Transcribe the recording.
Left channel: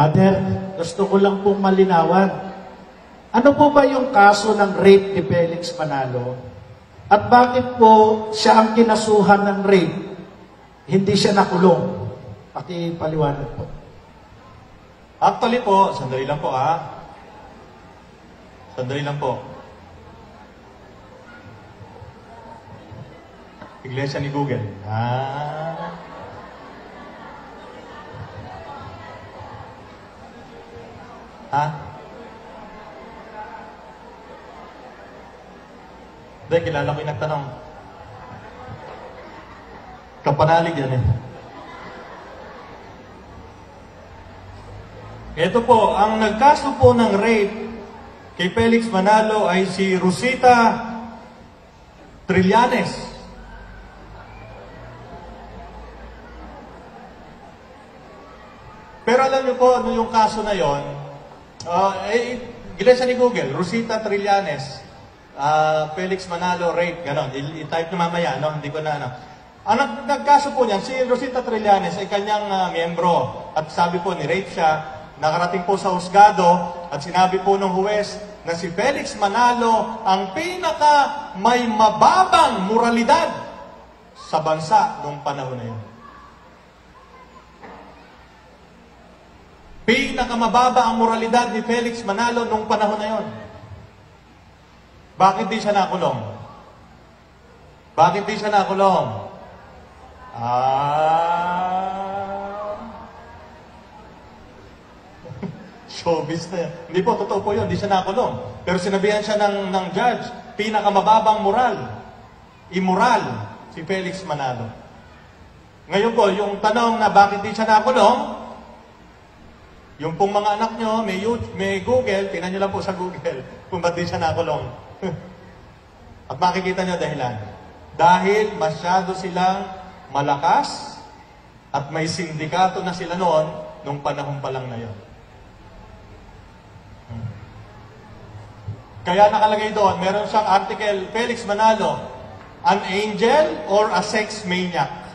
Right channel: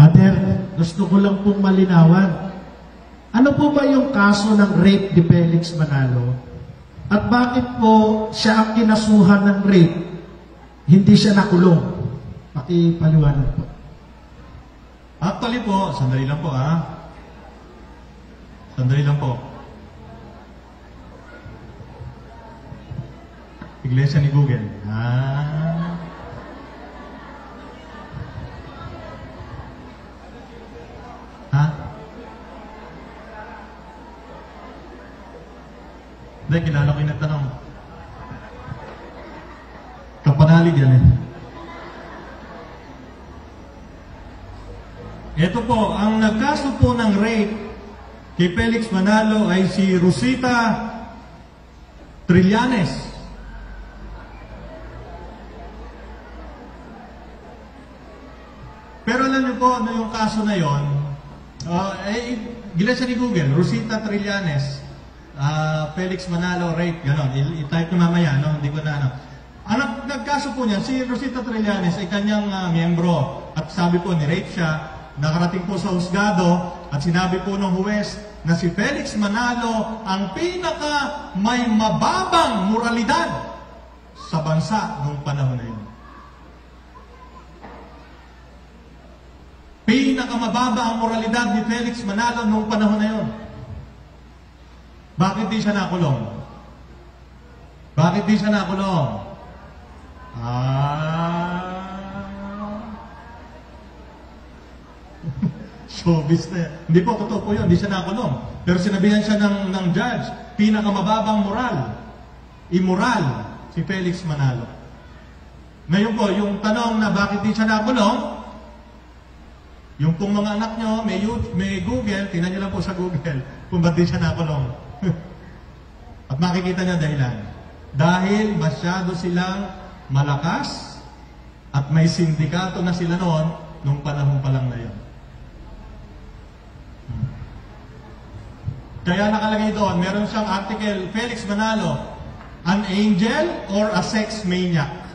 Father, gusto ko lang pong malinawan. Ano po ba yung kaso ng rape ni Felix Manalo? At bakit po siya ang kinasuhan ng rape? Hindi siya nakulong. Pakipaliwanag po. Actually po, sandali lang po Sandali lang po. Iglesia ni Google. Hindi, kilala ko yung nagtanong. Kapanalig yan eh. Ito po, ang nagkaso po ng rape kay Felix Manalo ay si Rosita Trillanes. Pero alam niyo po, ano yung kaso na yon? Iglesia ni Google, Rosita Trillanes, Felix Manalo rape, ganon. I-type nyo mamaya, no? Hindi ko na, Ang nagkaso po niyan, si Rosita Trillanes ay kanyang miyembro. At sabi po, ni-rape siya. Nakarating po sa husgado at sinabi po ng huwes na si Felix Manalo ang pinaka may mababang moralidad sa bansa noong panahon na yun. Pinakamababa ang moralidad ni Felix Manalo noong panahon na yun. Bakit di siya nakulong? Bakit di siya nakulong? Showbiz na yan. Hindi po, totoo po yun. Hindi siya nakulong. Pero sinabihan siya ng judge, pinakamababang moral, immoral, si Felix Manalo. Ngayon po, yung tanong na bakit di siya nakulong, yung pong mga anak nyo, may Google, tingnan nyo lang po sa Google kung ba't di siya nakulong. At makikita nyo dahilan. Dahil masyado silang malakas at may sindikato na sila noon nung panahon pa lang na yun. Kaya nakalagay doon, meron siyang article, Felix Manalo, an angel or a sex maniac?